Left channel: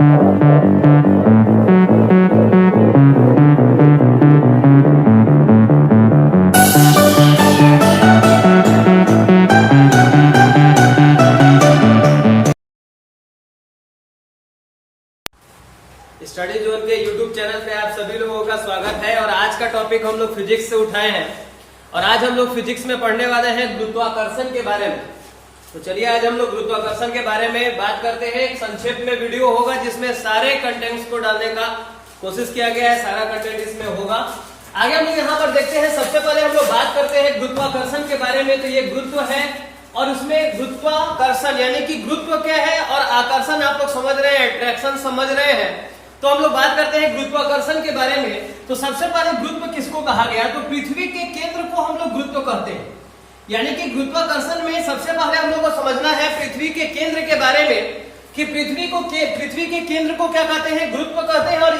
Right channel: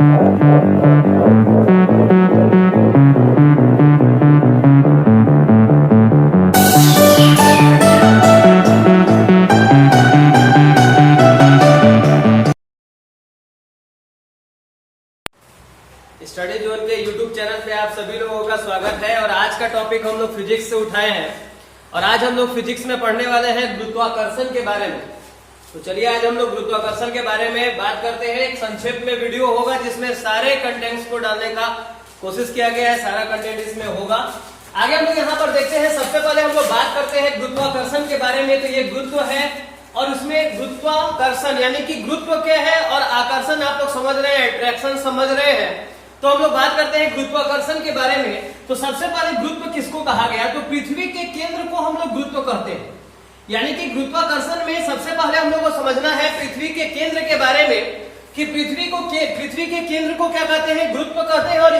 Study zone के YouTube channel पे आप सभी लोगों का स्वागत है। और आज का टॉपिक हम लोग फिजिक्स से उठाए हैं और आज हम लोग फिजिक्स में पढ़ने वाले हैं गुरुत्वाकर्षण के बारे में। तो चलिए आज हम लोग गुरुत्वाकर्षण के बारे में बात करते हैं। एक संक्षेप में वीडियो होगा जिसमें सारे कंटेंट्स को डालने का कोशिश किया गया है, सारा कंटेंट इसमें होगा। आगे हम लोग यहाँ पर देखते हैं। सबसे पहले हम लोग बात करते हैं गुरुत्वाकर्षण के बारे में। तो ये गुरुत्व है और उसमें गुरुत्वाकर्षण यानी कि गुरुत्व क्या है और आकर्षण आप लोग समझ रहे हैं, अट्रैक्शन समझ रहे हैं। तो हम लोग बात करते हैं गुरुत्वाकर्षण के बारे में। तो सबसे पहले गुरुत्व किसको कहा गया? तो पृथ्वी के केंद्र को हम लोग गुरुत्व कहते हैं। यानी कि गुरुत्वाकर्षण में सबसे पहले हम लोग को समझना है पृथ्वी के केंद्र के बारे में कि पृथ्वी के केंद्र को क्या कहते हैं? गुरुत्व कहते हैं। और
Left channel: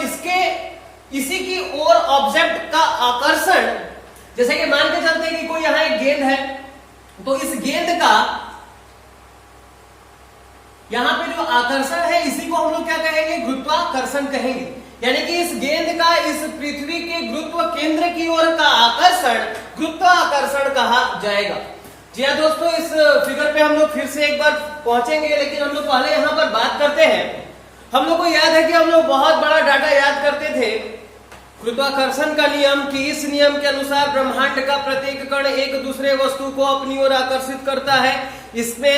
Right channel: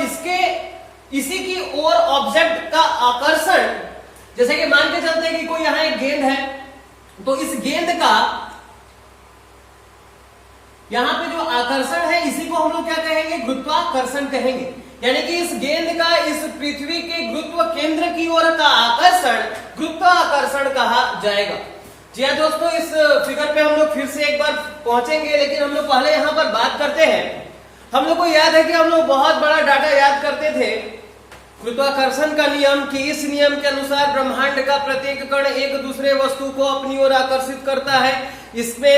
इसी की ओर ऑब्जेक्ट का आकर्षण, जैसे कि मान के चलते हैं कि कोई यहाँ एक गेंद है, तो इस गेंद का यहाँ पे जो आकर्षण है इसी को हम लोग क्या कहेंगे? गुरुत्वाकर्षण कहेंगे। यानी कि इस गेंद का इस पृथ्वी के गुरुत्व केंद्र की ओर का आकर्षण गुरुत्वाकर्षण कहा जाएगा। जी हाँ दोस्तों, इस फिगर पे हम लोग फिर से एक बार पहुंचेंगे, लेकिन हम लोग पहले यहाँ पर बात करते हैं। हम लोग को याद है कि हम लोग बहुत बड़ा डाटा याद करते थे गुरुत्वाकर्षण का नियम, कि इस नियम के अनुसार ब्रह्मांड का प्रत्येक कण एक दूसरे वस्तु को अपनी ओर आकर्षित करता है। इसमें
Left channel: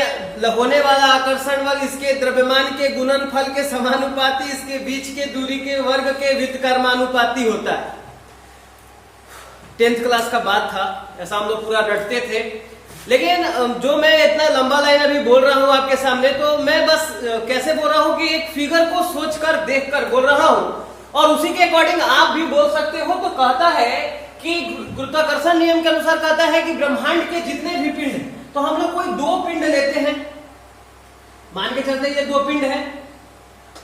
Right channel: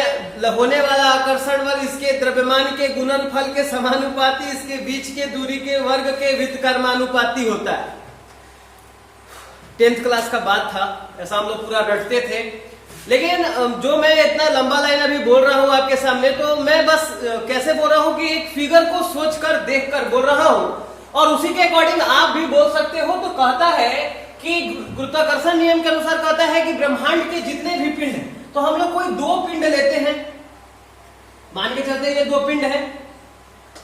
होने वाला आकर्षण बल इसके द्रव्यमान के गुणनफल के समानुपाती, इसके बीच के दूरी के वर्ग के व्युत्क्रमानुपाती होता है। 10th क्लास का बात था, ऐसा हम लोग पूरा रटते थे। लेकिन जो मैं इतना लंबा लाइन अभी बोल रहा हूं आपके सामने, तो मैं बस कैसे बोल रहा हूं कि एक फिगर को सोचकर देखकर बोल रहा हूं और उसी के अकॉर्डिंग आप भी बोल सकते हो। तो कहता है कि गुरुत्वाकर्षण नियम के अनुसार कहता है कि ब्रह्मांड के जितने भी पिंड हैं, तो हम लोग कोई दो पिंड लेते हैं, मान के चलते ये दो पिंड है,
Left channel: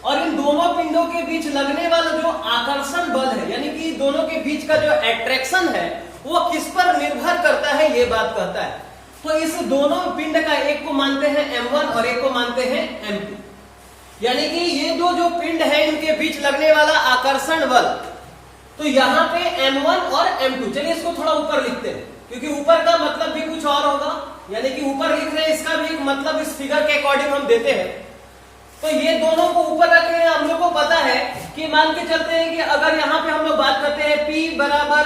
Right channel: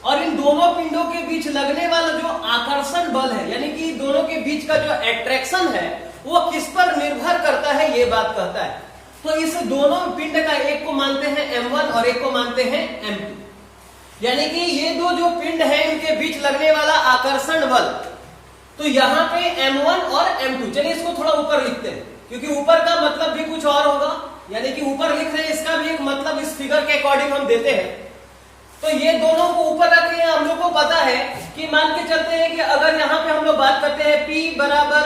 और इन दोनों पिंडों के बीच लगने वाला जो आकर्षण बल है, यानी कि दोनों के बीच का जो अट्रैक्शन है वो किस पर निर्भर करता है, ये बात कहता है। तो इस दोनों पिंड का एक को मानते हैं M1 और एक को मानते हैं M2। यानी कि ये दो जो पिंड है इनके बीच लगने वाला आकर्षण बल, तो यहाँ पे M1 और M2। चलिए इसको थोड़ा ऊपर लिखते हैं, क्योंकि ऊपर का मतलब भी कुछ और होगा। यानी कि ऊपर लिख रहे हैं, इसका भी एक मतलब इस फिगर के अकॉर्डिंग हम देते हैं। तो ये दोनों को ऊपर रखे हैं। हम लोग को पता है कि मान के चलते हैं कि अगर यहाँ पे हम लोग बात करते हैं P बराबर,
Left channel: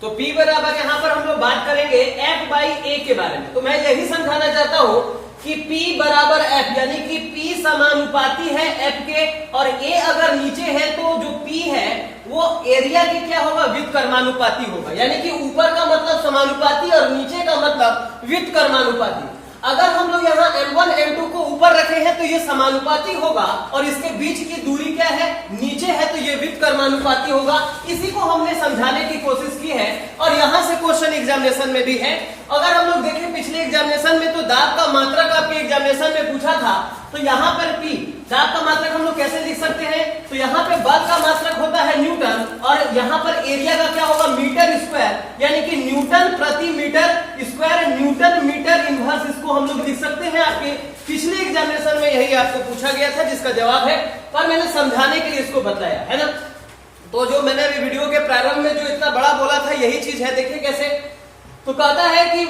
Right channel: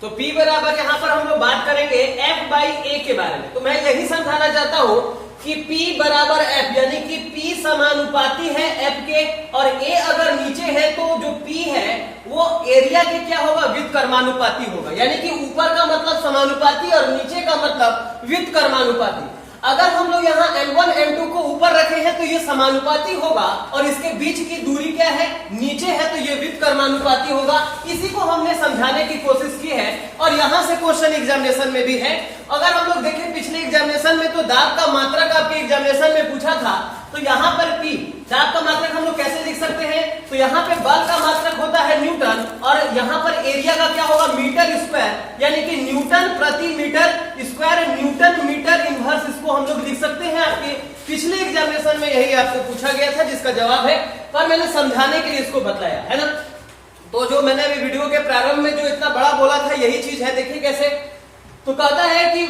तो P बराबर यहाँ पर हम लोग बात करेंगे F/A के बारे में। तो मैं यही समझाना चाहता हूं कि P बराबर F, यानी कि P समानुपाती है F के, और A अगर नीचे है तो जो P है वो एरिया के क्या होगा? व्युत्क्रमानुपाती होगा। यानी कि ऊपर का मतलब समानुपाती और नीचे का मतलब व्युत्क्रमानुपाती। अगर हम लोग यहाँ M1 M2 को ऊपर रखे हैं तो ये समानुपाती होगा, और इसके बीच की दूरी क्या है? नीचे है, तो ये व्युत्क्रमानुपाती होगा। इसी को हमने समझाने की कोशिश की है और यहाँ से क्वेश्चन एग्जामिनेशन में भी है। अगर हम लोग देखें पिछले एग्जामिनेशन में, तो दाब का मात्रक आपके एग्जामिनेशन में पूछा था। तो यहाँ पर P, दाब का मात्रक हम लोग कैसे लिख सकते हैं? तो यहाँ पे बल का मात्रक होता है न्यूटन, और यहाँ पर एरिया का क्या होगा? मीटर स्क्वायर, यानी कि न्यूटन प्रति metre square, newton metre inverse, इसको हम लोग लिख सकते हैं। आपके पिछले एग्जामिनेशन में यही आपको पूछा गया था, जिसका जवाब है, पर मैंने समझाने के लिए इसको बतलाया है ना। तो जो मैंने अभी वीडियो के प्रारंभ में जो इतना बड़ा बोला था यही चीज है। देखिए कैसे, तो कहता है कि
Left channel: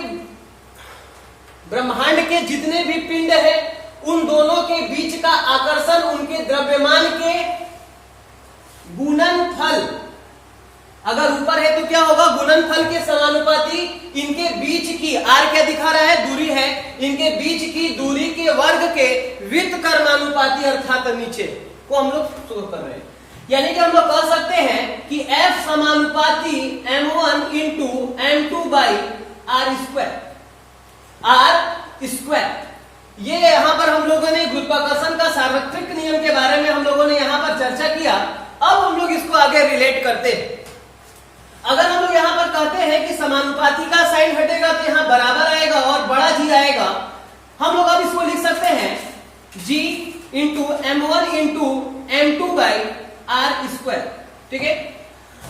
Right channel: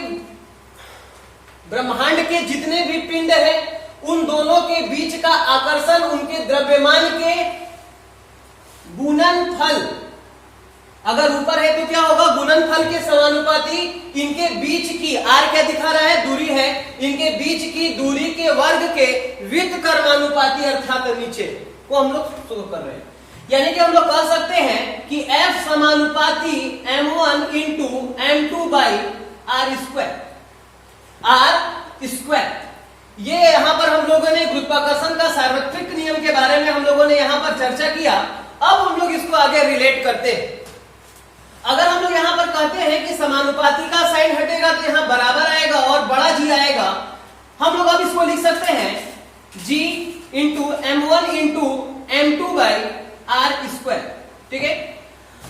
ब्रह्मांड के जितने भी पिंड है उन दोनों के बीच का आकर्षण उनके द्रव्यमान के गुणनफल, अगर ऊपर है तो क्या होगा? गुणनफल के समानुपाती। इनके बीच की, R क्या दिखा रहा है? दूरी है। इनके बीच की दूरी के वर्ग के व्युत्क्रमानुपाती, अर्थात नीचे को हम लोग शो कर रहे हैं। यानी कि हम लोग कह सकते हैं कि F समानुपाती M1 इंटू M2/R स्क्वायर। ये यहाँ पर हम लोगों ने गुरुत्वाकर्षण का सार्वत्रिक नियम के बारे में हम लोगों ने यहाँ पर चर्चा किया। अब हम लोग इसको आगे रिलेट करते हैं। अगर हम लोग यहाँ पर कहते हैं कि समानुपाती का साइन हटेगा तो यहाँ बराबर आएगा और बड़ा G आएगा, हम लोग अब इसको लिख सकते हैं G into M1 into M2/R square. ठीक है,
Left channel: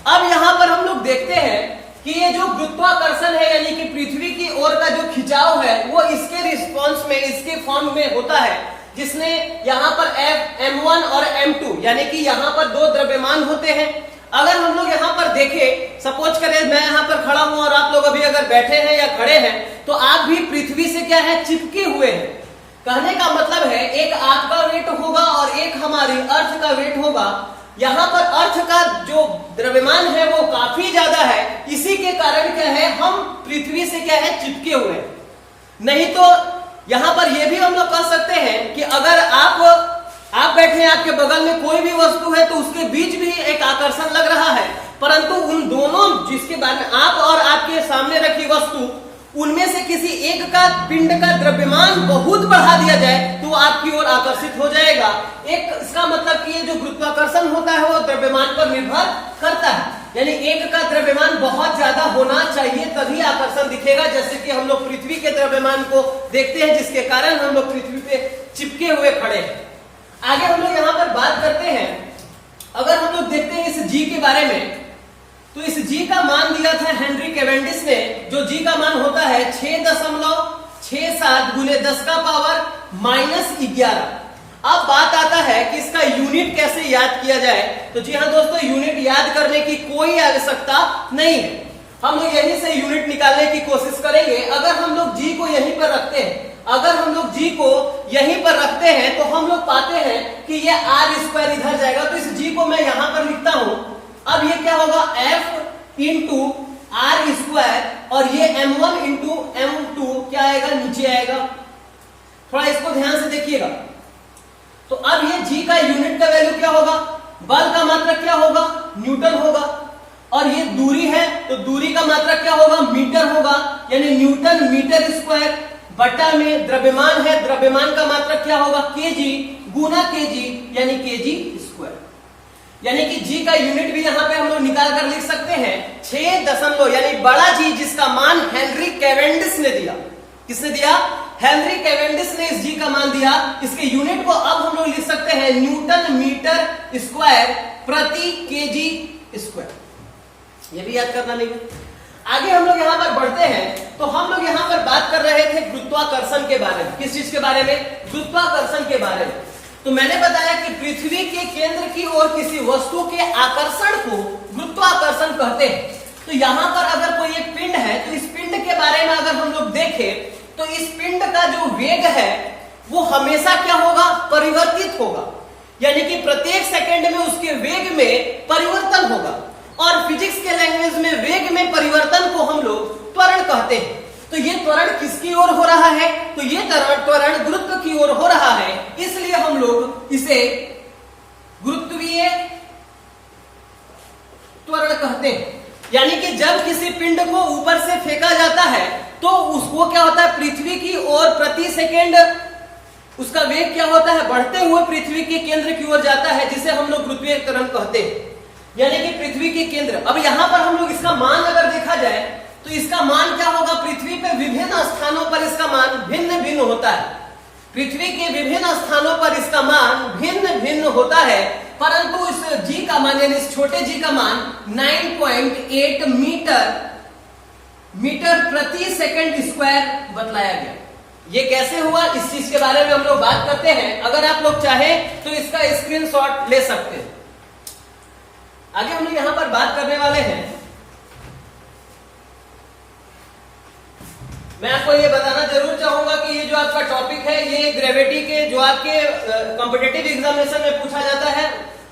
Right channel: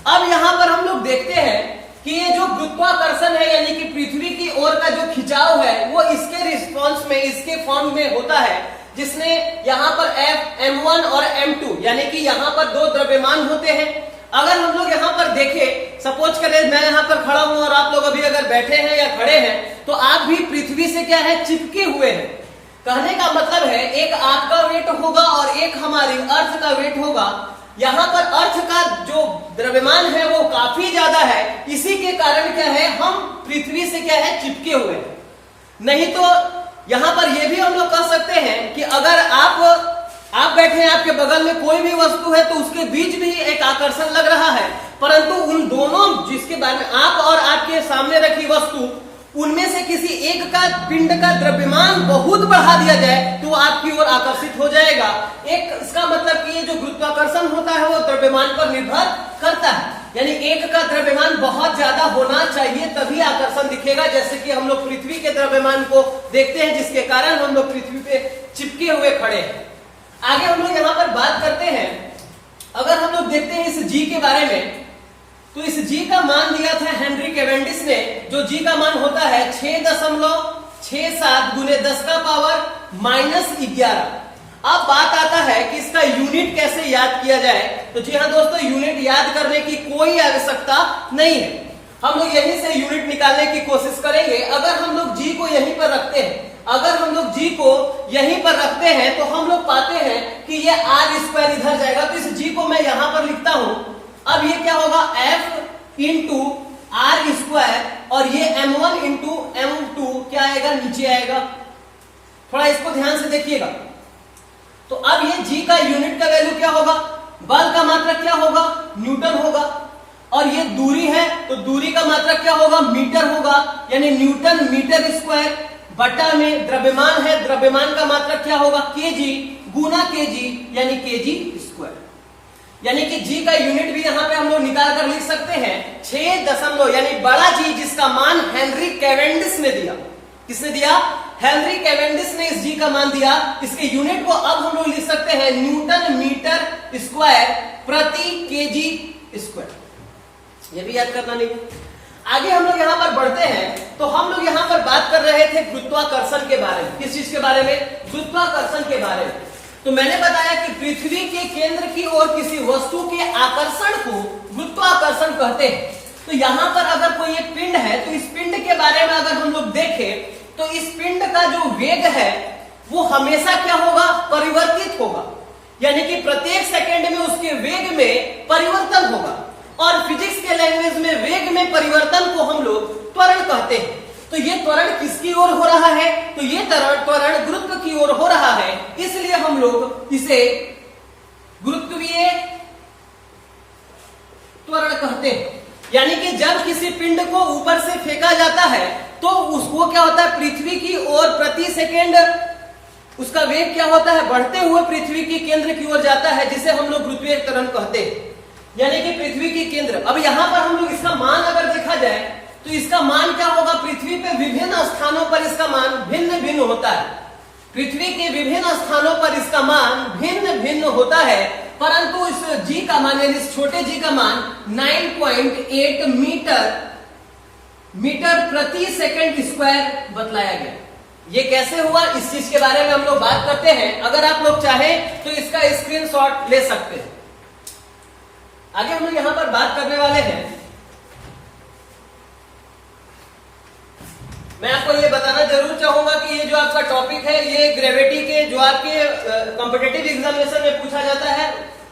अब यहाँ पर हम लोग देखते हैं कि ये जो गुरुत्वाकर्षण है, यानी कि पृथ्वी की ओर का जो खिंचाव है, वो इसके रिस्पॉन्स में, इसके फॉर्म में होता है, जिसने यहाँ पर M1 और M2 यानी कि यहाँ पर दो द्रव्यमान होते हैं। अगर हम लोग यहाँ पर देखें, सपोज करें मैं यहाँ पर खड़ा हूं और आप लोग अभी अगर बैठे हैं या खड़े हैं तो आप भी पृथ्वी से क्या है, चिपके हुए हैं। कहने का मतलब है एक आपका वेट होगा और एक हमारी अर्थ का वेट होगा। यहाँ पर अर्थ का जो द्रव्यमान है वो काफी ज्यादा है, इसी के कारण क्या है, हम पृथ्वी से क्या है, चिपके हुए हैं। नहीं तो यहाँ पर यह भी हम लोग कह सकते हैं कि अगर आप बैठे हैं, आपके बगल में कोई भी वस्तु है तो उसके बीच भी एक आकर्षण लग रहा है, परंतु उन दोनों जिसके बारे में आप और आपके सामने रखी वस्तु, उनमें से किसी एक का पिंड का द्रव्यमान बहुत बढ़ा दिया जाए तो आपकी ओर आकर्षित हो जाएगा। एक इसका मतलब कि ये जो गुरुत्वाकर्षण होता है वो द्रव्यमान पर निर्भर करता है, यानी एक का द्रव्यमान बहुत ज्यादा होना चाहिए तभी आकर्षण दिखेगा। जैसे कि हम लोग पृथ्वी के द्रव्यमान को देखते हैं जिसके कारण हम लोग पृथ्वी पे चिपके हुए खड़े हैं। आगे हम लोग यहाँ पर बात करते हैं, अगर हम लोग देखते हैं इस जी के बारे में, तो इस जी का मान दिया था हेनरी कैवेंडिश ने, जो जी का मान होता है 6.67 गुने 10 का पावर -11। अब बात आता है कि इसका यूनिट कैसे याद किया जाए। तो जी हाँ दोस्तों, यूनिट याद करने की कोई आवश्यकता नहीं है, हम लोग यहीं से यूनिट निकालने की कोशिश करेंगे। अगर हम लोग जी को यहीं पर रखते हैं, तो हम लोग पाते हैं कि ये r² इधर जाएगा, तो इस जी को मैं यहां पर लिखता हूं। अब ये क्या होगा, F इंटू r² और ये M1 इंटू M2 क्या आएगा, नीचे आएगा। थोड़ा इसको ध्यान से देखिएगा। तो अब ये जी का यूनिट का वैल्यू क्या होगा, बल का मात्रक क्या होगा, न्यूटन होगा, और ये दूरी है तो दूरी का मात्रक क्या होगा, मीटर होगा, यानी न्यूटन मीटर स्क्वायर बटा में द्रव्यमान है, द्रव्यमान का मात्रक क्या होगा, केजी गुना केजी यानी केजी स्क्वायर। यानी कि जी का यूनिट भी यहां पे हम लोग निकाल कर लिख सकते हैं 6 यानी बड़ा जी जिसका मान हेनरी कैवेंडिश ने दिया। किसने दिया, हेनरी कैवेंडिश ने इस जी का मान दिया। इसके यूनिट को अब हम लोग लिख सकते हैं न्यूटन मीटर स्क्वायर प्रति केजी स्क्वायर। ये भी याद करना नहीं है। आगे हम लोग यहाँ पर बढ़ते हैं, तो हम लोग यहाँ पर बात कर रहे थे गुरुत्वाकर्षण के बारे में। किस चीज के बारे में, गुरुत्वाकर्षण के बारे में। तो मैंने बताया कि पृथ्वी के केंद्र की ओर किसी वस्तु के आकर्षण को गुरुत्वाकर्षण कहते हैं। तो यहाँ पर अगर कोई एक पिंड है तो इस पिंड के बारे में अगर हम लोग देखें तो इस पिंड का जो वेग है वो हमेशा क्या होगा, परिवर्तित होगा, यानी कि प्रत्येक सेकंड में उसके वेग में परिवर्तन होगा। और फिजिक्स के लैंग्वेज में वेग में परिवर्तन को हम लोग त्वरण कहते हैं। तो ये त्वरण किसकी ओर हो रहा है, तो ये त्वरण गुरुत्व की ओर हो रहा है, इसलिए हम लोग इसे गुरुत्वीय त्वरण कहते हैं। यानी कि जब किसी पिंड को ऊपर से फेंका जाता है तो उसको क्या होता है, पृथ्वी की ओर प्रति सेकेंड उसका वेग क्या होता है, बढ़ते हुए पृथ्वी के केंद्र की ओर जाता है, जिसे हम लोग गुरुत्वीय त्वरण कहते हैं। यानी कि पृथ्वी के केंद्र, अब यहां पर हम लोग इसका मान अगर देखा जाए तो इसका मान क्या होगा, पृथ्वी पे विभिन्न स्थानों पर इसका मान भिन्न भिन्न होता है। पृथ्वी के विभिन्न स्थानों पर इसका मान भिन्न भिन्न होता है, परंतु इस जी का मान यानी इस छोटे जी का मान 9.8 मीटर प्रति सेकंड स्क्वायर बतलाया गया। ये कैसे हुआ, इस चीज के बारे में हम लोग बात करते हैं। अगर आप लोग चाहें तो इसका स्क्रीनशॉट ले सकते हैं। आगे हम लोग यहां पर बात करने वाले हैं, मैं आपको ये बताना जरूर चाहूंगा कि ये जो आपका टॉपिक है ये ग्रेविटी के जो आपके कॉम्पिटिटिव एग्जामिनेशन में पूछा जाता है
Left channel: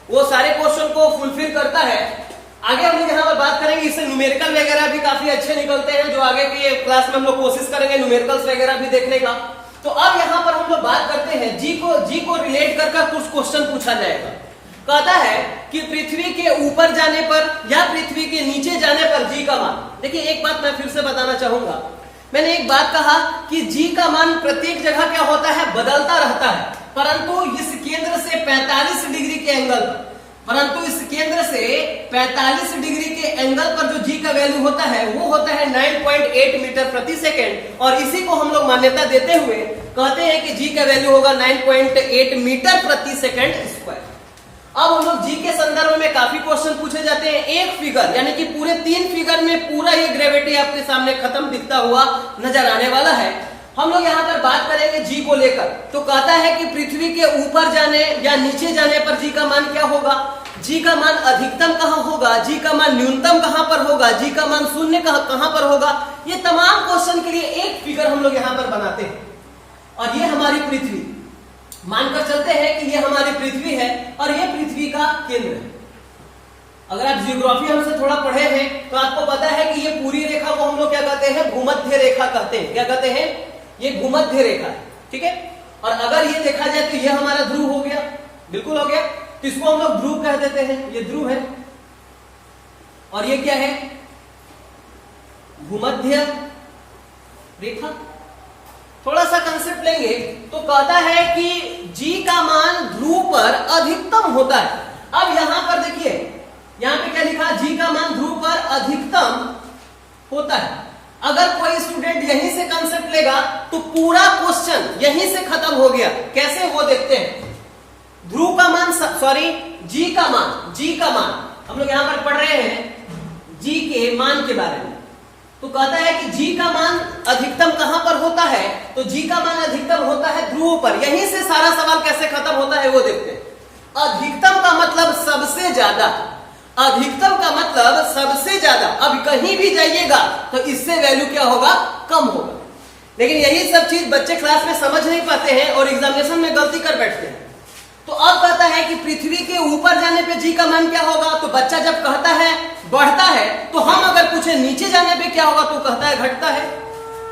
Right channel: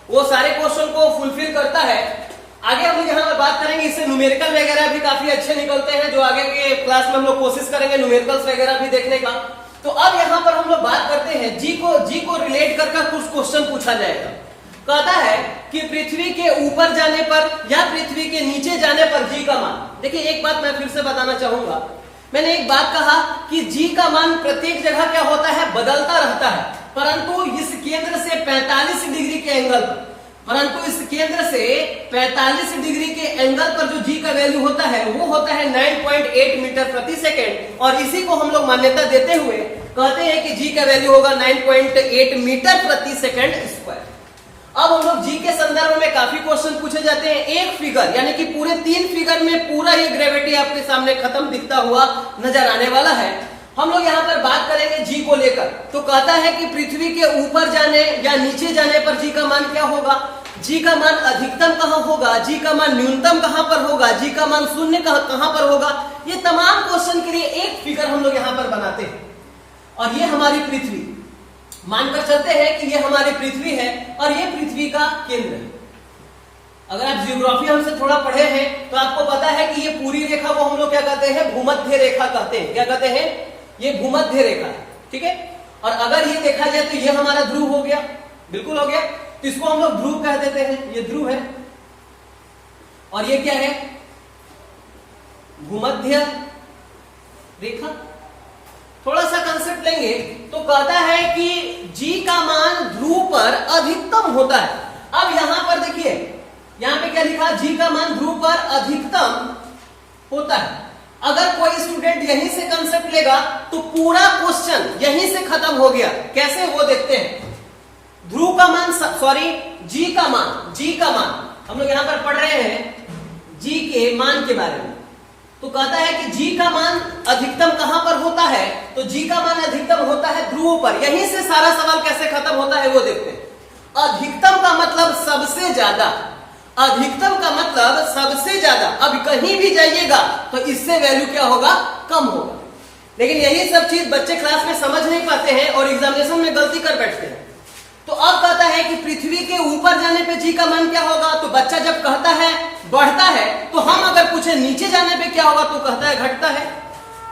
वो सारे क्वेश्चन को फुलफिल करता है। आगे हम लोग यहाँ पर बात करेंगे, इससे न्यूमेरिकल वगैरह भी काफी अच्छे निकलते हैं, जो आगे के क्लास में हम लोग कोशिश करेंगे न्यूमेरिकल्स वगैरह भी देखने का। तो अब यहाँ पर हम लोग बात करते हैं जी को रिलेट कर कुछ क्वेश्चन पूछा जाएगा। कहता है कि पृथ्वी के ऊपर जाने पर या पृथ्वी के नीचे जाने पर जी का मान। देखिए एक बात मैं फिर से बताना चाहूंगा, मैंने एक बात कहा कि जी का मान प्रत्येक जगह क्या होता है, बदलता रहता है, परंतु इस केंद्र से 45 डिग्री के एंगल पर, जो जी का वैल्यू होता है वो होता है 9.8 मीटर प्रति सेकेंड, और इसी को हम लोग मान्यता देते हुए कहते हैं कि जी का वैल्यू होगा 9.8 मीटर प्रति सेकेंड स्क्वायर। अब हम लोग जी के संदर्भ में काफी क्वेश्चन पूछे जाते हैं। एक फिगर यानी कि पूरे 3 फिगर में पूरा ये ग्रेविटी आपके सामने खत्म दिखता हुआ नजर आने वाला है। हम लोग यहाँ पर बात करेंगे जी को लेकर। तो कहता है कि पृथ्वी के ऊपर जाने या नीचे जाने पर जी का मान क्या होगा, जी का मान अधिकतम कहाँ होगा, जी का मान न्यूनतम कहाँ पर होगा, जी का मान शून्य कहाँ पर होगा। ये तमाम क्वेश्चन के लिए एक फिगर हम लोग यहाँ पर बनाते हैं। और ये हमारी पृथ्वी, मानकर चलते हैं कि ये हमारी पृथ्वी है और ये पृथ्वी का केंद्र है। अगर आप जियोग्राफी हमसे थोड़ा पढ़े हैं तो आपको पता है कि ये पूरी रेखा को हम लोग क्या कहते हैं, भूमध्य रेखा कहते हैं। क्या कहते हैं, ये भूमध्य रेखा है, ठीक है। और अगर ये देखा जाए तो ये हमारा ध्रुव हो गया, बिल्कुल हो गया। तो इसको हम लोग ध्रुव कह देते हैं, ये ध्रुव है। और ये क्या है, भूमध्य रेखा। थोड़ा सा कंसेप्ट लेंगे तो कहता है कि जी का मान ध्रुव पर अधिकतम होता है। अब यहां पर देखिए, यहां पे क्या लिखा, जी का मान ध्रुव पर अधिकतम होता है। अगर कोई स्टूडेंट यहीं से कंसेप्ट लेगा तो पूरा क्वेश्चन यहीं से खत्म हो गया। कैसे, वो देखते हैं। ध्रुव का मान, सॉरी जी का मान हम लोग यहां पर पढ़ रहे हैं जी के मान के बारे में। तो कहता है कि जी का मान अधिकतम कहां पर होता है, तो जी का मान अधिकतम होता है ध्रुव पर। यहीं से सारा सवाल कैसे खत्म होता है वो देखते हैं। अधिकतम का मतलब सबसे ज्यादा, अधिकतम का मतलब सबसे ज्यादा। अब कहीं भी जाइएगा तो इससे वैल्यू क्या होगा, कम होगा। लेकिन यही सब चीज बच्चे क्लास में समझ नहीं पाते हैं और एग्जामिनेशन में गलती कर बैठते हैं। तो अब कहता है कि पृथ्वी के ऊपर जाने पे जी का मान क्या होगा, तो बच्चा जब कहता है बढ़ता है, तो हम अगर पूछे नीचे जाने पे क्या होगा तो कहता है घटता है।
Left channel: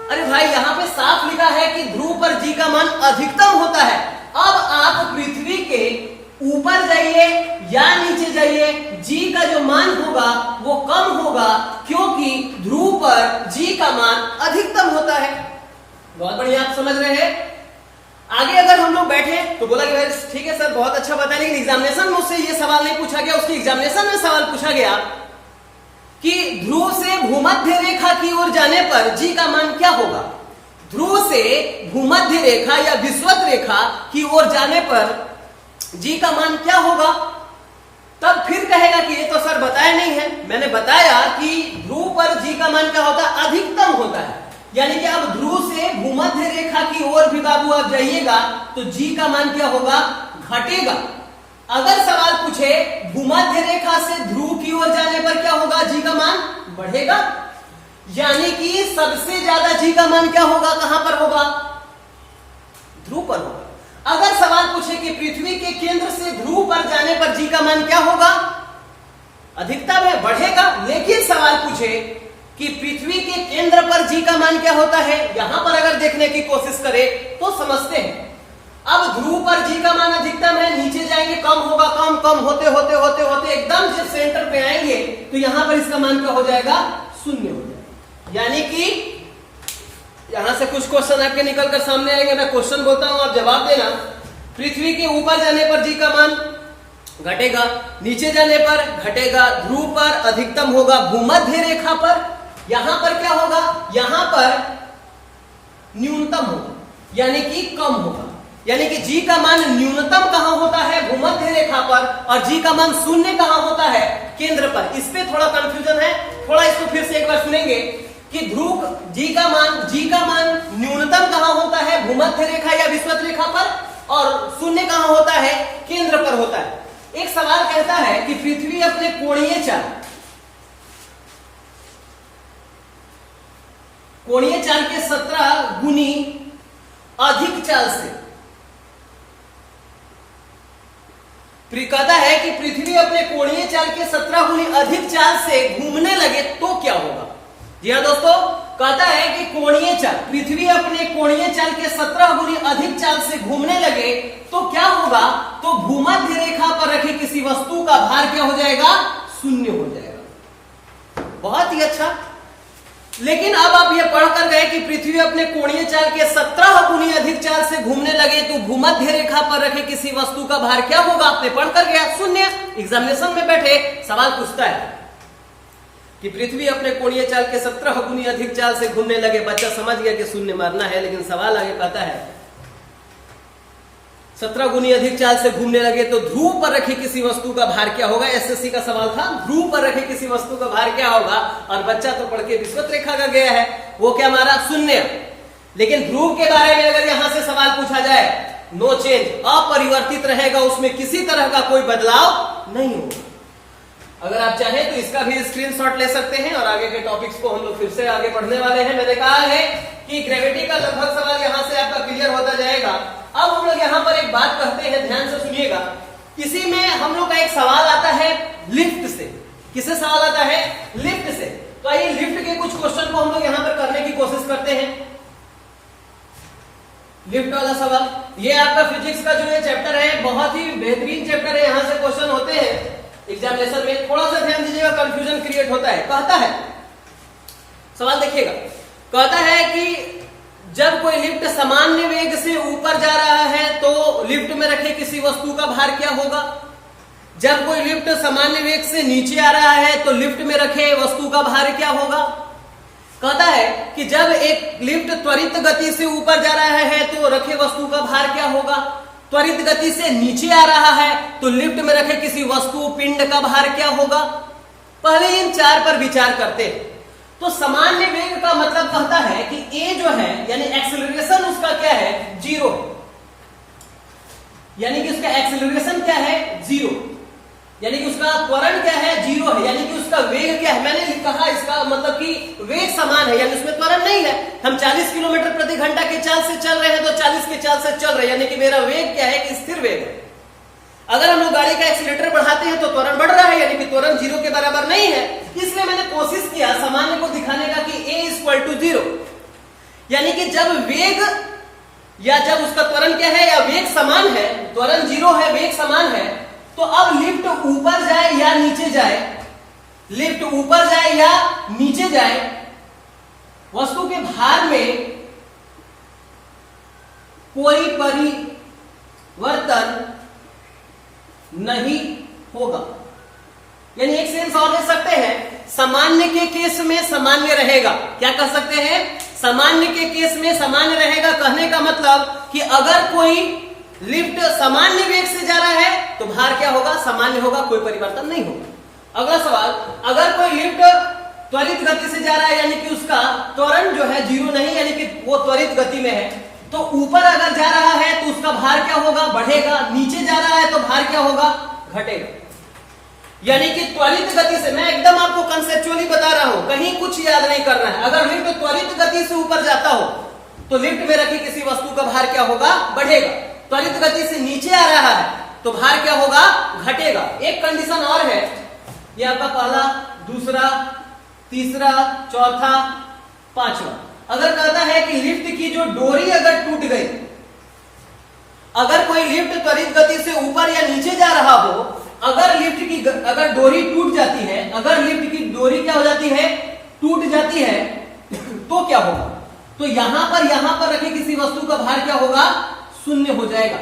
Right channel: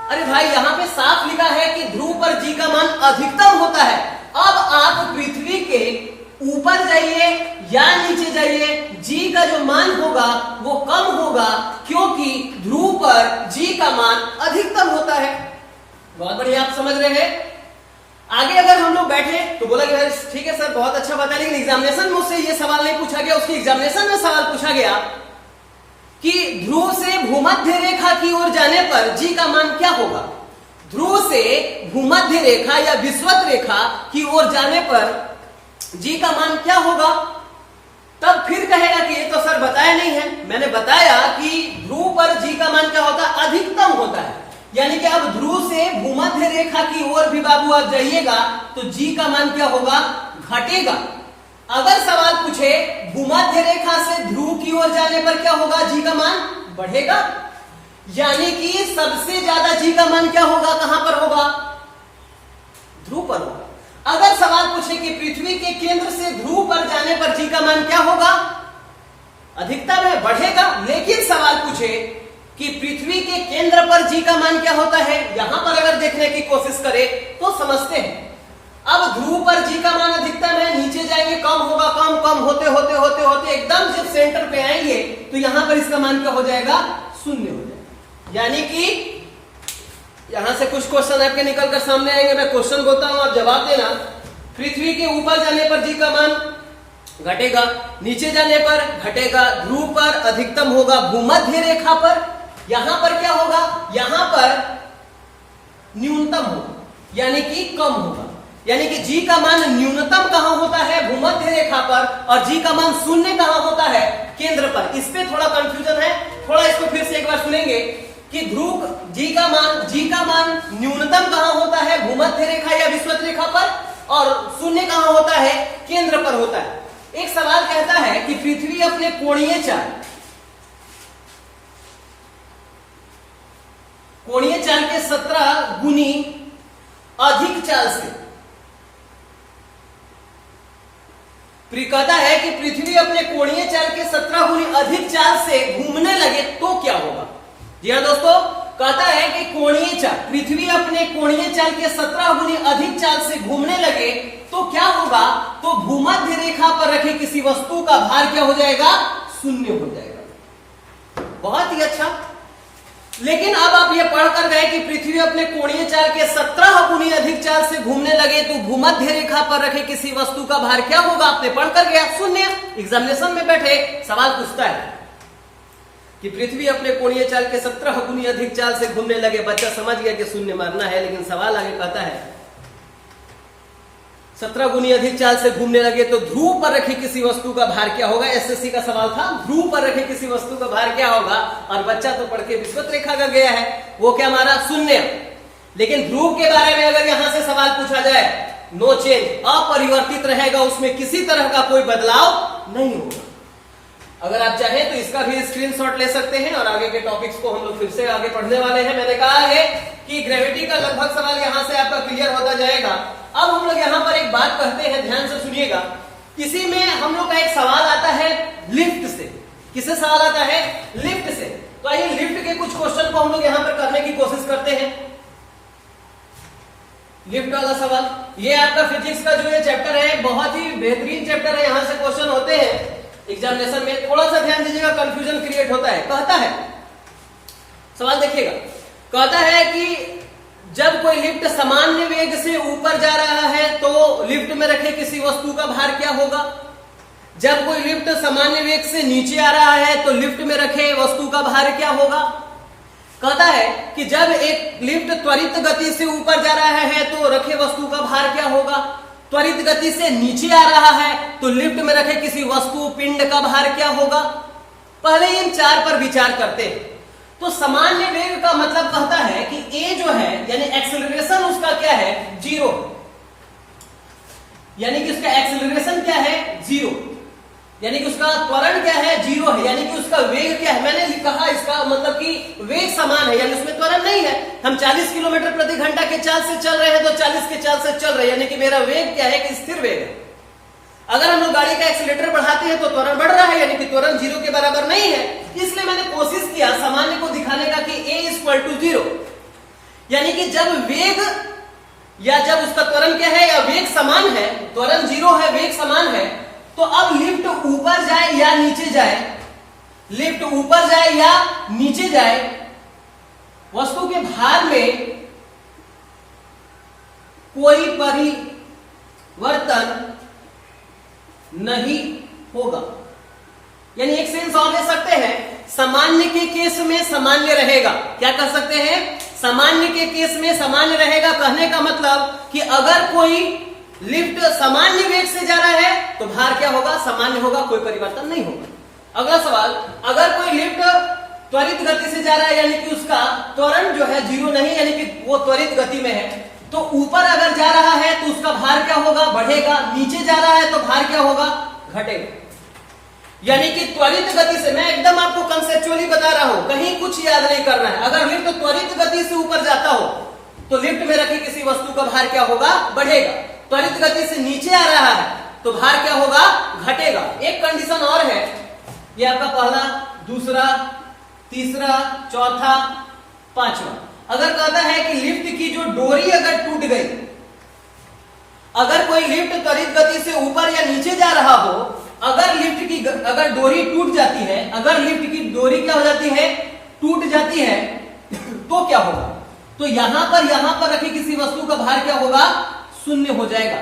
अरे भाई, यहाँ पे साफ लिखा है कि ध्रुव पर जी का मान अधिकतम होता है। अब आप पृथ्वी के ऊपर जाइए या नीचे जाइए, जी का जो मान होगा वो कम होगा, क्योंकि ध्रुव पर जी का मान अधिकतम होता है। बहुत बढ़िया, आप समझ रहे हैं। आगे अगर हम लोग बैठे तो बोला कि भाई ठीक है सर, बहुत अच्छा बताया, लेकिन एग्जामिनेशन में उससे ये सवाल नहीं पूछा गया। उसके एग्जामिनेशन में सवाल पूछा गया कि ध्रुव से भूमध्य रेखा की ओर जाने पर जी का मान क्या होगा। ध्रुव से भूमध्य रेखा या विषुवत रेखा की ओर जाने पर जी का मान क्या होगा। तब फिर कहेगा कि ये तो सर बताया नहीं है। मैंने बताया कि ध्रुव पर जी का मान क्या होता है, अधिकतम होता है। यानी कि अब ध्रुव से भूमध्य रेखा की ओर भी बाबू आप जाइएगा तो जी का मान क्या होगा, घटेगा। अगर सवाल पूछे भूमध्य रेखा से ध्रुव की ओर जाने पर क्या होगा, जी का मान बढ़ेगा। यानी कि सबसे ज्यादा जी का मान क्या होगा, कहां पर होगा, ध्रुव पर होगा। अगर सवाल पूछे कि पृथ्वी के केंद्र से ध्रुव पर जाने पर जी का मान क्या होगा, अधिकतम है, बढ़ेगा। लेकिन सवाल पूछे कि पृथ्वी के केंद्र पर जी का मान क्या होता है, यहां पर अगर देखने की कोशिश करें तो समझते हैं। अब ध्रुव पर जी का मान अधिकतम है, नीचे जाएंगे कम होगा, कम कम होते होते होते होते एकदम जब सेंटर पे आएंगे तो यहां पर इसका मान क्या हो जाएगा, शून्य हो जाएगा। यानी कि यहां से कुछ क्वेश्चन आपके निकल कर सामने आएंगे, मैं क्वेश्चन बोलता हूं, आप जवाब देना। पृथ्वी के ऊपर जाने पर जी का मान घटेगा, नीचे जाने पर घटेगा, ध्रुव पर अधिकतम होगा, भूमध्य रेखा पर यहां पर क्या होगा, यहां पर न्यूनतम होगा, यानी कि कम होगा। यानी कि जी का मान न्यूनतम कहां होता है, भूमध्य रेखा पर, और जी का मान शून्य कहां होता है, केंद्र पर। इस पे थोड़ा कंफ्यूजन है, थोड़ा इसको फिर से एक बार सुनेंगे कि ध्रुव जी का मान न्यूनतम कहां होता है, भूमध्य रेखा या विषुवत रेखा पर, और शून्य कहां होता है, केंद्र पर होता है। एक सवाल कहता है कि पृथ्वी अपने कोणीय चाल के 17 गुनी अधिक चाल से, कहता है कि पृथ्वी अपने कोणीय चाल के 17 गुनी अधिक चाल से घूमने लगे तो क्या होगा। जी हाँ दोस्तों, कहता है कि कोणीय चाल, पृथ्वी अपने कोणीय चाल के 17 गुनी अधिक चाल से घूमने लगे तो क्या होगा, तो भूमध्य रेखा पर रखे किसी वस्तु का भार क्या हो जाएगा, शून्य हो जाएगा। बहुत ही अच्छा। लेकिन अब आप ये पढ़ कर गए कि पृथ्वी अपने कोणीय चाल के 17 गुनी अधिक चाल से घूमने लगे तो भूमध्य रेखा पर रखे किसी वस्तु का भार क्या होगा, आपने पढ़ कर गया, शून्य। एग्जामिनेशन में बैठे सवाल पूछता है कि पृथ्वी अपने कोणीय चाल के 17 गुनी अधिक चाल से घूमने लगे, बच्चा समझ गया कि शून्य मारना है, लेकिन सवाल आगे कहता है 17 गुनी अधिक चाल से घूमने लगे तो ध्रुव पर रखे किसी वस्तु का भार क्या होगा। एसएससी का सवाल था, ध्रुव पर रखे किसी वस्तु का भार क्या होगा, और बच्चा तो पढ़ के विषुवत रेखा का गया है, वो क्या मारा, शून्य। लेकिन ध्रुव के बारे में अगर यहां से सवाल पूछा जाए, नो चेंज, अपरिवर्तित रहेगा, उसमें किसी तरह का कोई बदलाव नहीं होगा। अगर आप चाहें तो इसका भी स्क्रीनशॉट ले सकते हैं और आगे के टॉपिक्स को हम लोग फिर से आगे पढ़ने वाले हैं। मैंने कहा है कि ग्रेविटी का लगभग सवाल यहां से आपका क्लियर होता जाएगा। अब हम लोग यहां पर एक बात कहते हैं, ध्यान से सुनिएगा। इसी में हम लोग का एक सवाल आता है लिफ्ट से। किससे सवाल आता है? लिफ्ट से। तो आइए लिफ्ट के कुछ क्वेश्चन को हम लोग यहां पर करने की कोशिश करते हैं। लिफ्ट वाला सवाल, ये आपका फिजिक्स का जो ये चैप्टर है, बहुत ही बेहतरीन चैप्टर है। यहां से क्वेश्चन होते हैं एग्जामिनेशन में। थोड़ा सा ध्यान दीजिएगा, कंफ्यूजन क्रिएट होता है। कहता है, सवाल देखिएगा, कहता है कि जब कोई लिफ्ट सामान्य वेग से ऊपर जा रहा है तो लिफ्ट में रखे किसी वस्तु का भार क्या होगा? जब कोई लिफ्ट सामान्य वेग से नीचे आ रहा है तो लिफ्ट में रखे वस्तु का भार क्या होगा? कहता है कि जब एक लिफ्ट त्वरित गति से ऊपर जा रहा है तो रखे वस्तु का भार क्या होगा? त्वरित गति से नीचे आ रहा है तो लिफ्ट में रखे किसी वस्तु पिंड का भार क्या होगा? पहले इन चार पर विचार करते हैं। तो सामान्य वेग का मतलब कहता है कि ए जो है यानी एक्सेलरेशन उसका क्या है? जीरो। यानी कि उसका एक्सेलरेशन क्या है? जीरो। यानी कि उसका त्वरण क्या है? जीरो है। यानी कि उसका वेग क्या है? मैंने कहा इसका मतलब कि वेग समान है, यानी उसमें त्वरण नहीं है। हम 40 किलोमीटर प्रति घंटा के चाल से चल रहे हैं तो 40 के चाल से चल रहे हैं, यानी कि मेरा वेग क्या है? कि स्थिर वेग है। अगर हम लोग गाड़ी का एक्सीलेटर बढ़ाते हैं तो त्वरण बढ़ रहा है, यानी कि त्वरण जीरो के बराबर नहीं है। इसलिए मैंने कोशिश किया सामान्य को दिखाने का कि a = 0, यानी कि जब वेग या जब उसका त्वरण क्या है या वेग समान है, त्वरण जीरो है, वेग समान है, तो अब लिफ्ट ऊपर जाए या नीचे जाए, लिफ्ट ऊपर जाए या नीचे जाए, वस्तु के भार में कोई परिवर्तन नहीं होगा। यानी एक सेंस और ले सकते हैं, सामान्य के केस में सामान्य रहेगा। क्या कह सकते हैं? सामान्य के केस में सामान्य रहेगा। कहने का मतलब कि अगर कोई लिफ्ट सामान्य वेग से जा रहा है तो भार क्या होगा? सामान्य होगा, कोई परिवर्तन नहीं होगा। अगला सवाल, अगर कोई लिफ्ट त्वरित गति से जा रहा है यानी कि उसका त्वरण जो है जीरो नहीं, यानी कि वो त्वरित गति में है, तो ऊपर अगर जा रहा है तो उसका भार क्या होगा? बढ़ेगा। नीचे जा रहा है तो भार क्या होगा? घटेगा। यानी कि त्वरित गति से, मैं एकदम आपको कंसेप्चुअली बता रहा हूं, कहीं कुछ याद नहीं करना है। अगर लिफ्ट त्वरित गति से ऊपर जाता हो तो लिफ्ट में रखी किसी वस्तु का भार क्या होगा? बढ़ेगा। त्वरित गति से नीचे आ रहा है तो भार क्या होगा? घटेगा। एक कंडीशन और है, ये आपका पहला, दूसरा, तीसरा, चौथा, पांचवा। अगर कहता है कि लिफ्ट की जो डोरी अगर टूट गई, अगर कोई लिफ्ट त्वरित गति से ऊपर या नीचे जा रहा हो, अगर लिफ्ट की अगर डोरी टूट जाती है, अगर लिफ्ट की डोरी क्या हो जाती है? टूट जाती है, तो क्या होगा? तो यहां पर रखी किसी वस्तु का भार क्या होगा? शून्य हो जाएगा।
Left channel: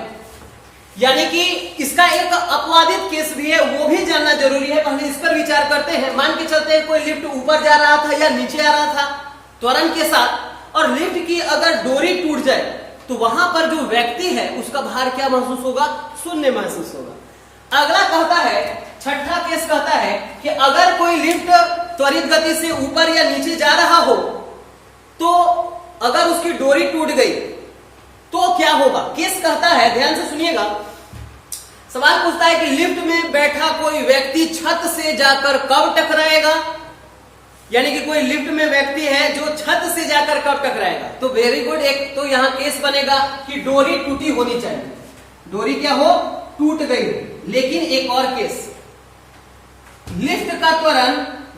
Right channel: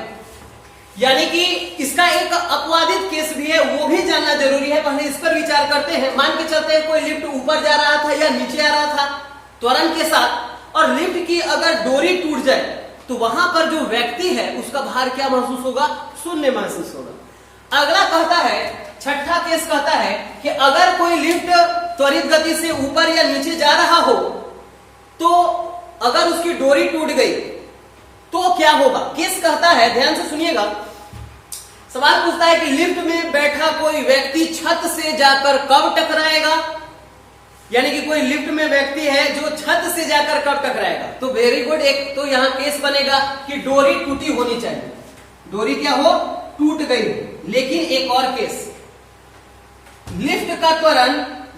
यानी कि इसका एक अपवादित केस भी है, वो भी जानना जरूरी है। पहले इस पर विचार करते हैं। मान के चलते हैं कोई लिफ्ट ऊपर जा रहा था या नीचे आ रहा था त्वरण के साथ, और लिफ्ट की अगर डोरी टूट जाए तो वहां पर जो व्यक्ति है उसका भार क्या महसूस होगा? शून्य महसूस होगा। अगला कहता है, छठा केस कहता है कि अगर कोई लिफ्ट त्वरित गति से ऊपर या नीचे जा रहा हो तो अगर उसकी डोरी टूट गई तो क्या होगा? केस कहता है, ध्यान से सुनिएगा, सवाल पूछता है कि लिफ्ट में बैठा कोई व्यक्ति छत से जाकर कब टकराएगा? यानी कि कोई लिफ्ट में व्यक्ति है जो छत से जाकर कब टकराएगा? तो वेरी गुड, एक तो यहां केस बनेगा कि डोरी टूटी होनी चाहिए, डोरी क्या हो? टूट गई। लेकिन एक और केस, लिफ्ट का त्वरण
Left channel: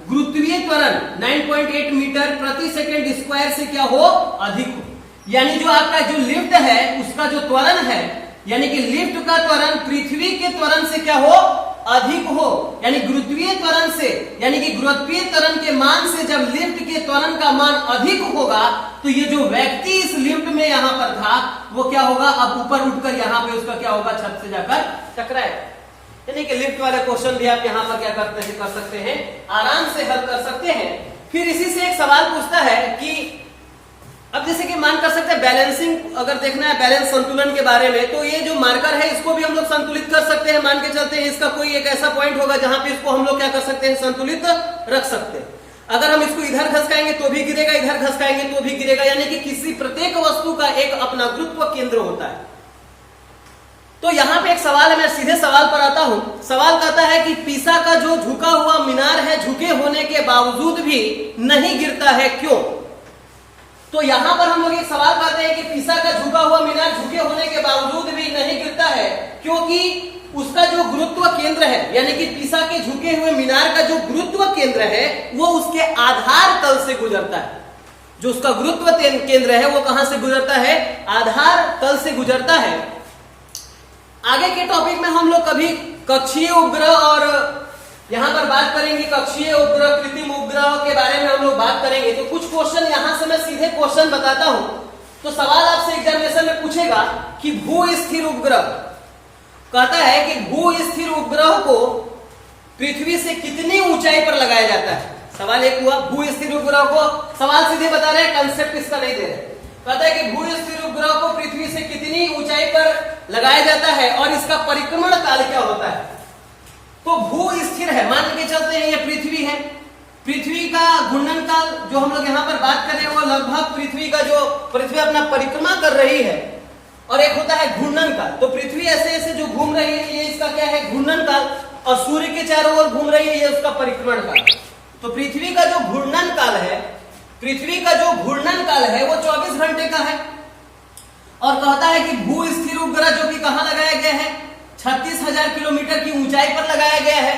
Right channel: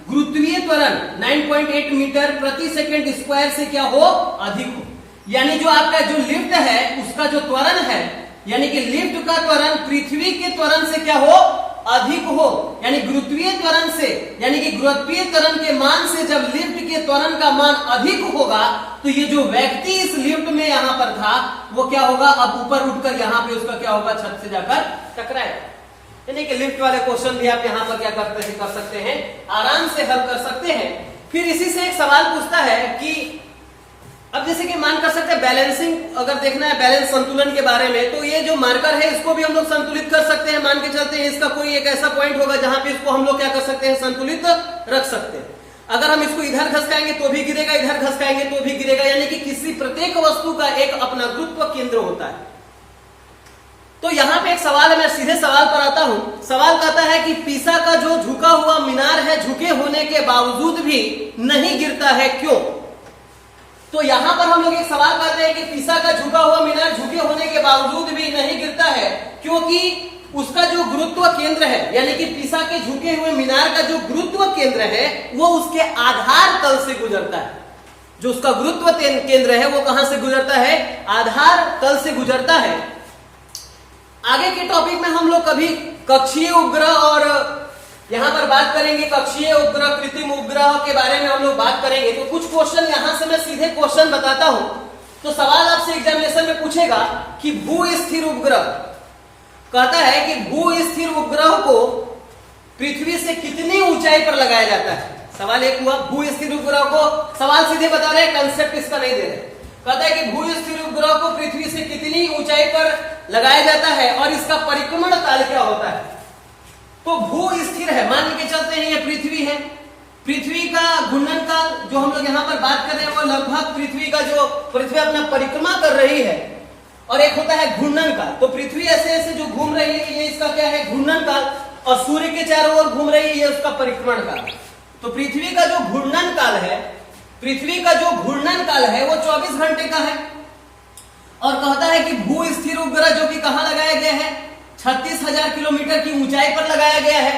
गुरुत्वीय त्वरण 9.8 मीटर प्रति सेकंड स्क्वायर से क्या हो? अधिक हो। यानी जो आपका जो लिफ्ट है उसका जो त्वरण है, यानी कि लिफ्ट का त्वरण पृथ्वी के त्वरण से क्या हो? अधिक हो। यानी गुरुत्वीय त्वरण से, यानी कि गुरुत्वीय त्वरण के मान से जब लिफ्ट के त्वरण का मान अधिक होगा तो ये जो व्यक्ति इस लिफ्ट में यहां पर था वो क्या होगा? अब ऊपर उठकर यहां पे उसका क्या होगा? छत से जाकर टकराएगा। यानी कि लिफ्ट वाले क्वेश्चन भी आप यहां पर क्या कर सकते हैं? आराम से हल कर सकते हैं। फिर इसी से एक सवाल पूछता है कि अब जैसे कि मान कर सकते हैं बैलेंसिंग, अगर देखना है बैलेंस संतुलन के बारे में, तो ये जो मार्कर है इसको भी हम लोग संतुलित कर सकते हैं। मान के चलते हैं इसका कोई एक ऐसा पॉइंट होगा जहां पे इसको हम लोग क्या कर सकते हैं? संतुलित रख सकते हैं। अगर हम इसको इधर घसकाएंगे तो भी गिरेगा, इधर घसकाएंगे तो भी गिरेगा, यानी कि किसी प्रत्येक वस्तु का एक अपना गुरुत्व केंद्र होता है। तो यहां पे एक सवाल है, मैं सीधे सवाल पर आता हूं। सवाल कहता है कि पीसा का जो झुका हुआ मीनार है, झुके होने के बावजूद भी नहीं गिरता है, क्यों? तो यहां पर हम लोग एक सवाल करते हैं कि पीसा का झुका हुआ मीनार झुके होने के बावजूद भी नहीं गिरता है, क्योंकि उसका जो गुरुत्व केंद्र है, यानी कि पीसा के झुके हुए मीनार का जो गुरुत्व केंद्र है वो उसके आधार तल से गुजरता है। जो उसका गुरुत्व केंद्र है वो कहां से गुजरता है? आधार तल से गुजरता है। आगे के टॉपिक में हम लोग कभी कक्षीय उपग्रह और यहां पर बात करेंगे, कक्षीय उपग्रह, कृत्रिम उपग्रह के बारे में हम लोग बात करेंगे। तो कुछ क्वेश्चन यहां से मैं सीधे क्वेश्चन बताता हूं। तो सवाल आपसे एग्जामिनेशन में पूछेगा कि भू स्थिर उपग्रह, कहता है कि भू स्थिर उपग्रह को पृथ्वी से कितनी ऊंचाई पर लगाया जाता है। सवाल एक हुआ, भू स्थिर उपग्रह को, सवाल सीधे बता रहे हैं, कंसेप्ट इसका नहीं दे रहे। कहता है कि भू स्थिर उपग्रह को पृथ्वी से कितनी ऊंचाई पर लगाया जाता है और इसका परिक्रमण काल क्या होता है। तो भू स्थिर है, मान के चलते हैं ये पृथ्वी है, पृथ्वी का घूर्णन काल जो हम लोग यहाँ पर बात कर रहे हैं वो लगभग पृथ्वी अपना परिक्रमा कर रही है, और एक होता है घूर्णन काल। तो पृथ्वी ऐसे ऐसे जो घूम रही है, ये इसका क्या है? घूर्णन काल। और सूर्य के चारों ओर घूम रही है, ये उसका परिक्रमण काल। तो पृथ्वी का जो घूर्णन काल है, पृथ्वी का जो घूर्णन काल है वो 24 घंटे का है। और कहता है कि भू स्थिर उपग्रह जो कि कहां लगाया गया है? 36,000 किलोमीटर की ऊंचाई पर लगाया गया है।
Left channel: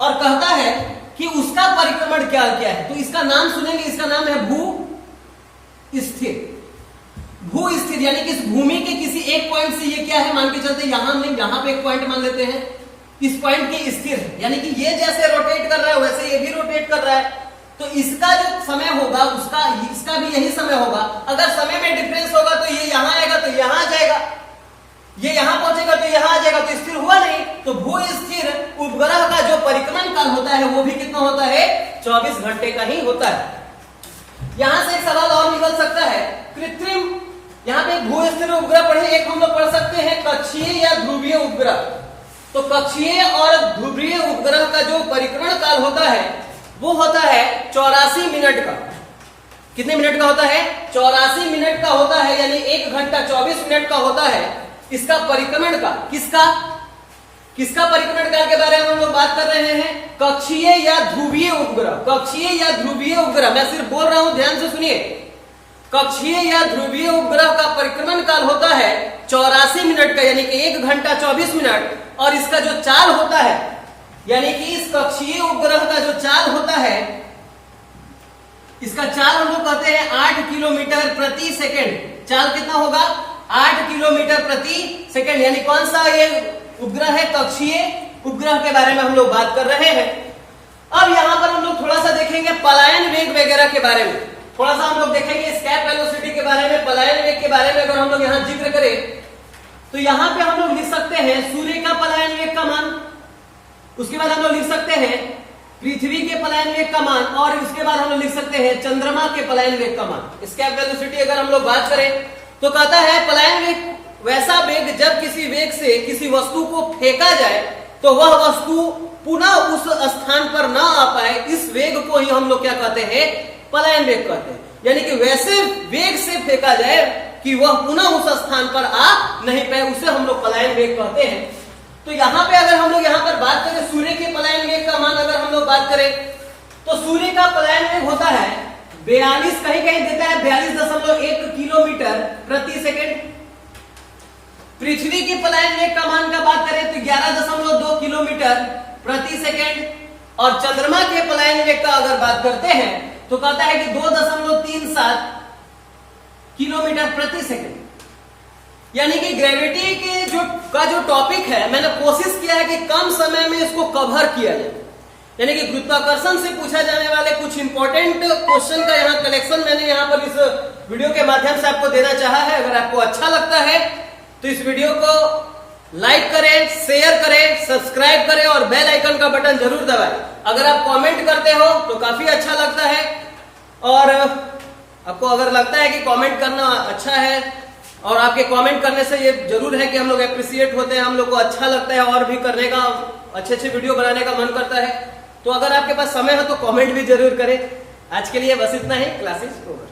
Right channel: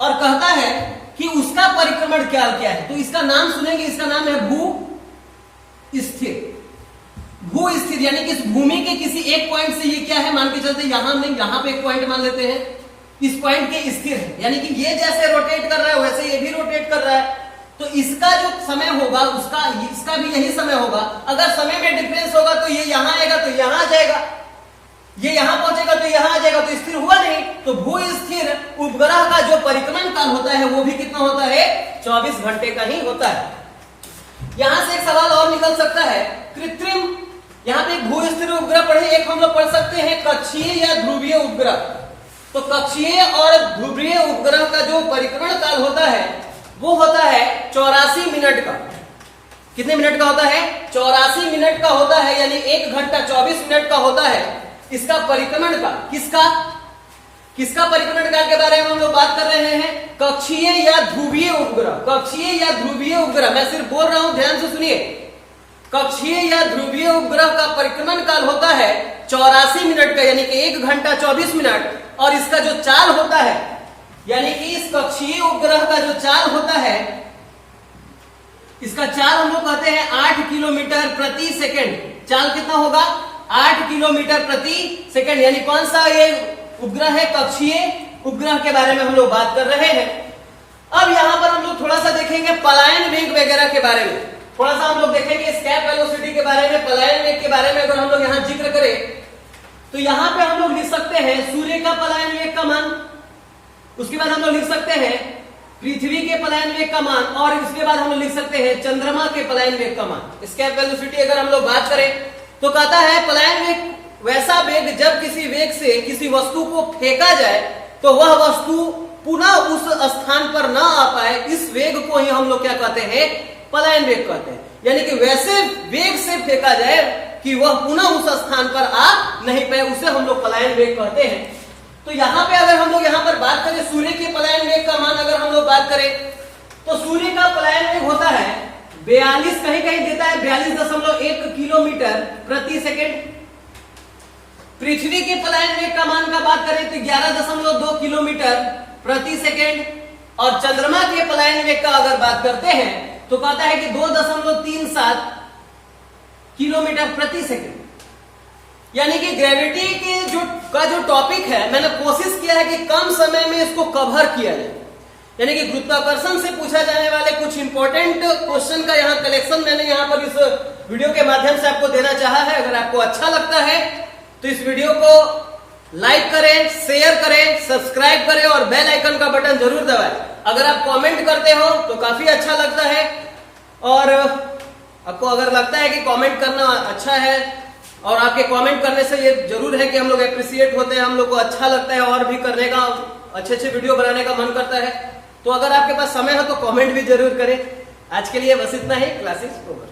और कहता है कि उसका परिक्रमण क्या है। तो इसका नाम सुनेंगे, इसका नाम है भू स्थिर। भू स्थिर यानी कि इस भूमि के किसी एक पॉइंट से ये क्या है, मान के चलते यहां नहीं, यहां पे एक पॉइंट मान लेते हैं, इस पॉइंट के स्थिर है, यानी कि ये जैसे रोटेट कर रहा है वैसे ये भी रोटेट कर रहा है। तो इसका जो समय होगा इसका भी यही समय होगा। अगर समय में डिफरेंस होगा तो ये यहां आएगा तो यहां आ जाएगा, ये यहां पहुंचेगा तो यहां आ जाएगा, तो स्थिर हुआ नहीं। तो भू स्थिर उपग्रह का जो परिक्रमण काल होता है वो भी कितना होता है? 24 घंटे का ही होता है। यहां से एक सवाल और निकल सकता है, कृत्रिम, यहां पे भू स्थिर उपग्रह पढ़े, एक हम लोग पढ़ सकते हैं कक्षीय या ध्रुवीय उपग्रह। तो कक्षीय और ध्रुवीय उपग्रह का जो परिक्रमण काल होता है वो होता है 84 मिनट का। कितने मिनट का होता है? 84 मिनट का होता है, यानी 1 घंटा 24 मिनट का होता है इसका परिक्रमण काल। किसका परिक्रमण काल के बारे में हम लोग बात कर रहे हैं? कक्षीय या ध्रुवीय उपग्रह। कक्षीय या ध्रुवीय उपग्रह, मैं सिर्फ बोल रहा हूं, ध्यान से सुनिए। कक्षीय या ध्रुवीय उपग्रह का परिक्रमण काल होता है 84 मिनट का, यानी कि 1 घंटा 24 मिनट। और इसका जो चाल होता है, यानी कि इस कक्षीय उपग्रह का जो चाल होता है, इसका चाल हम लोग कहते हैं 8 किलोमीटर प्रति सेकंड। चाल कितना होगा? 8 किलोमीटर प्रति सेकंड। यानी कौन सा ये उपग्रह है? कक्षीय उपग्रह के बारे में हम लोग बात कर रहे हैं। अब यहां पर हम लोग थोड़ा सा देखेंगे पलायन वेग वगैरह के बारे में, थोड़ा सा हम लोग देखेंगे एस्केप वेलोसिटी के बारे में, पलायन वेग के बारे में अगर हम लोग यहां जिक्र करें तो यहां पे हम लोग लिख सकते हैं सूर्य का पलायन वेग का मान, उसके बाद हम लोग लिख सकते हैं पृथ्वी के पलायन वेग का मान, और उसके बाद हम लोग लिख सकते हैं चंद्रमा के पलायन वेग का मान। एस्केप वेलोसिटी अगर हम लोग बात करें तो कहता है पलायन वेग वैसा वेग जब किसी वेग से किसी वस्तु को फेंका जाए तो वह वस्तु पुनः उस स्थान पर ना आ पाए, इस वेग को ही हम लोग क्या कहते हैं? पलायन वेग कहते हैं। यानी कि वैसे वेग से फेंका जाए कि वह पुनः उस स्थान पर आ नहीं पाए, उसे हम लोग पलायन वेग कहते हैं। तो यहां पे अगर हम लोग यहां पर बात करें सूर्य के पलायन वेग का मान अगर हम लोग बात करें तो सूर्य का पलायन वेग होता है 42, कहीं कहीं देता है 42.1 किलोमीटर प्रति सेकंड। पृथ्वी के पलायन वेग का मान का बात करें तो 11.2 किलोमीटर प्रति सेकंड। और चंद्रमा के पलायन वेग का अगर बात करते हैं तो कहता है कि 2.37 किलोमीटर प्रति सेकंड। यानी कि ग्रेविटी के जो टॉपिक है, मैंने कोशिश किया है कि कम समय में इसको कवर किया जाए, यानी कि गुरुत्वाकर्षण से पूछा जाने वाले कुछ इंपॉर्टेंट क्वेश्चन का यहाँ कलेक्शन मैंने यहाँ पर इस वीडियो के माध्यम से आपको देना चाहा है। अगर आपको अच्छा लगता है तो इस वीडियो को लाइक करें, शेयर करें, सब्सक्राइब करें और बेल आइकन का बटन जरूर दबाएं। अगर आप कमेंट करते हो तो काफी अच्छा लगता है, और आपको अगर लगता है कि कमेंट करना अच्छा है और आपके कमेंट करने से ये जरूर है कि हम लोग अप्रिशिएट होते हैं, हम लोग को अच्छा लगता है और भी करने का, अच्छे अच्छे वीडियो बनाने का मन करता है। तो अगर आपके पास समय हो तो कमेंट भी जरूर करें। आज के लिए बस इतना ही, क्लासेस ओवर।